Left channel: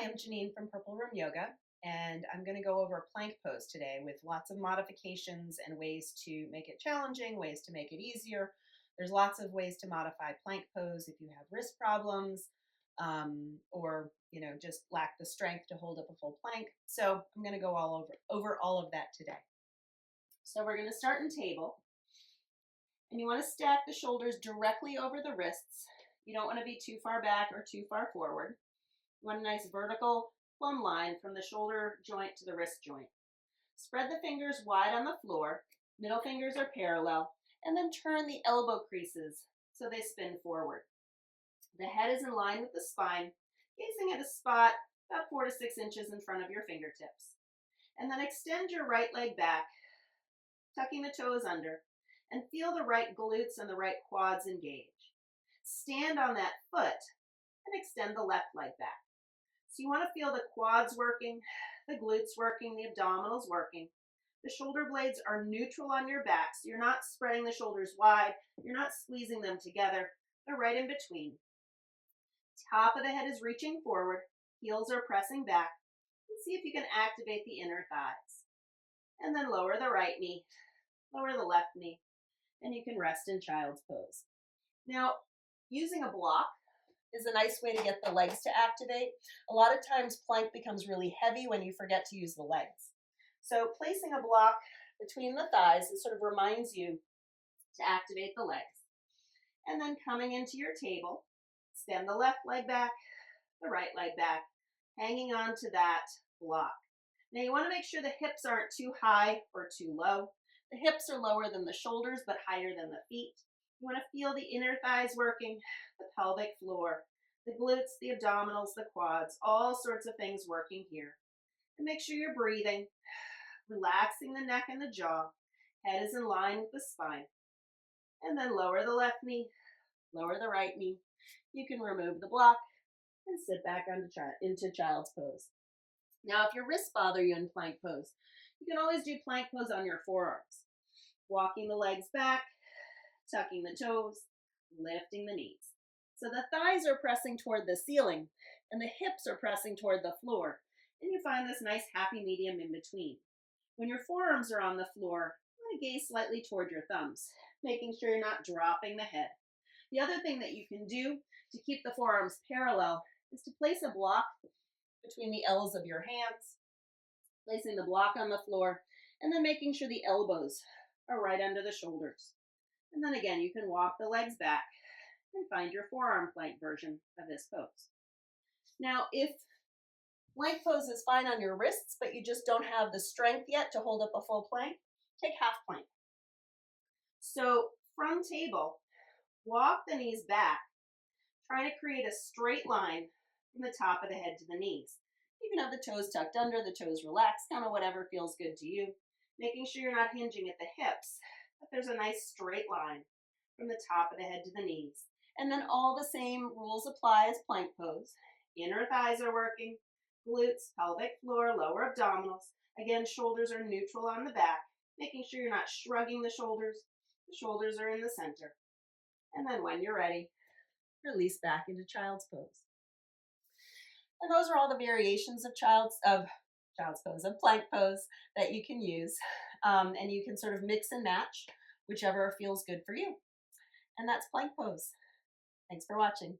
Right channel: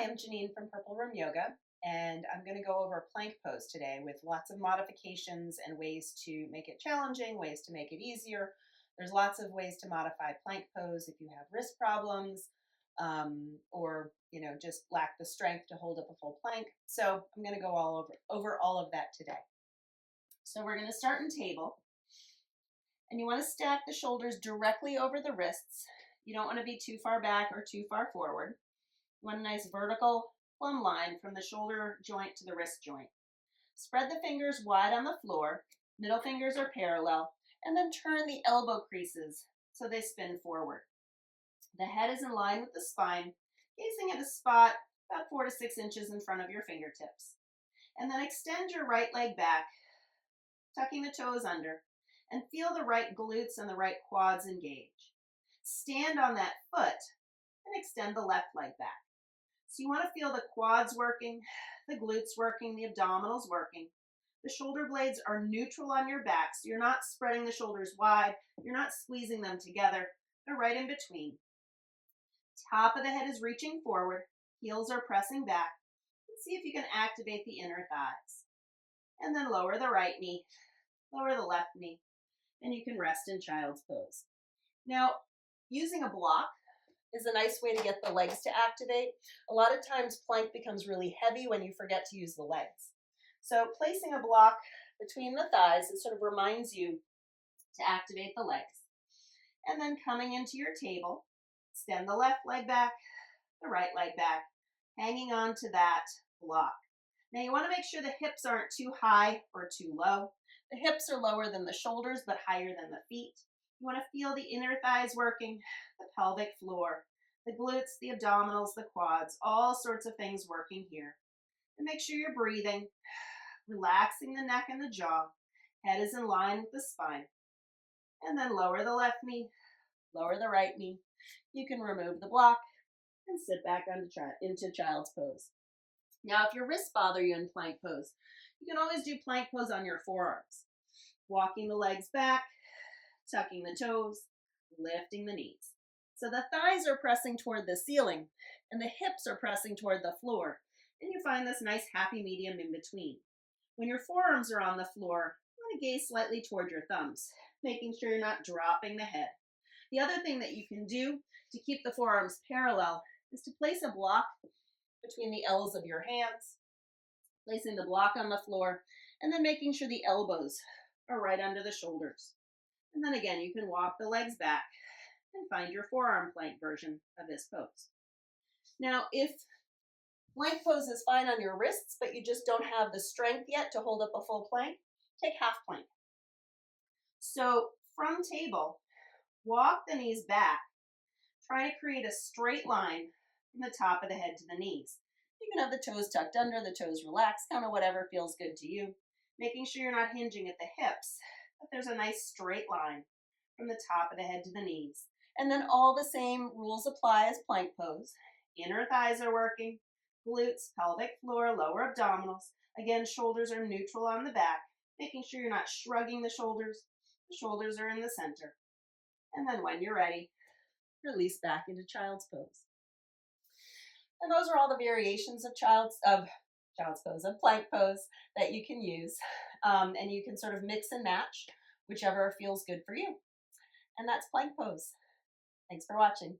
Hi, I'm Janine from Purple Room Yoga, and I'm going to go over a plank pose today with lots of modifications and ways to make it challenging, ways to make it easier. There's lots of ways to modify plank pose if you have wrist problems or just lack the strength to hold up a full plank. So I'm going to go over all of that today. So we're going to start in table, and you want to stack the shoulders directly over the wrists. You don't want to be too far back or too far forward. One nice vertical plumb line from the shoulder joint to the wrist joint. Spread the fingers wide on the floor, middle fingers are parallel, and then turn the elbow creases so they spin forward. The head is in line with the spine, gazing at a spot about 4 to 6 inches in front of your fingertips. And then extend your right leg back, tucking the toes under, and feel the right glutes and the right quads engage. Stand on that foot and extend the left leg back. So you want to feel the quads working, the glutes working, the abdominals working. The shoulder blades are neutral on your back, so you're not spreading the shoulders wide, you're not squeezing them together, they're right in between. Top of the head is reaching forward, heels are pressing back, and see if you can activate the inner thighs. And then lower the right knee, lower the left knee, and you can rest in child's pose. Now, using a block is a nice way to get the legs to activate. A lot of times plank becomes really heavy when you forget to use the legs. So placing a block between the thighs, it sort of reminds you to activate the legs. And then coming into your table, extend the left leg back, the right leg back, hanging on to that block. Now you want to make sure the hips aren't too high or too low. The hips are lower than the shoulders but higher than the feet. You want to feel the inner thighs working, the pelvic floor, the glutes, the abdominals, the quads, all sorts of things working here. And make sure you're breathing, relaxing the neck and the jaw. Head is in line with the spine. And then lower the left knee, lower the right knee. You can remove the block and sit back into child's pose. Now, if your wrists bother you in plank pose, you can always do plank pose on your forearms. Walking the legs back, tucking the toes, lifting the knees. So the thighs are pressing toward the ceiling and the hips are pressing toward the floor. And you find this nice happy medium in between. When your forearms are on the floor, you want to gaze slightly toward your thumbs, making sure you're not dropping the head. The other thing that you can do to keep the forearms parallel is to place a block between the L's of your hands, placing the block on the floor, and then making sure the elbows are right under the shoulders. And then again, you can walk the legs back and find your forearm plank version of this pose. Now, if plank pose is fine on your wrists, but you just don't have the strength yet to hold up a full plank, take half plank. So from table, walk the knees back. Try to create a straight line from the top of the head to the knees. You can have the toes tucked under, the toes relaxed, kind of whatever feels good to you. Making sure you're not hinging at the hips, but there's a nice straight line from the top of the head to the knees. And then all the same rules apply as plank pose. Inner thighs are working, glutes, pelvic floor, lower abdominals. Again, shoulders are neutral on the back, making sure you're not shrugging the shoulders. The shoulders are in the center. And then when you're ready, release back into child's pose. And those are all the variations of child's pose, of plank pose that you can use. And you can sort of mix and match whichever feels good for you. And that's plank pose. Thanks for watching.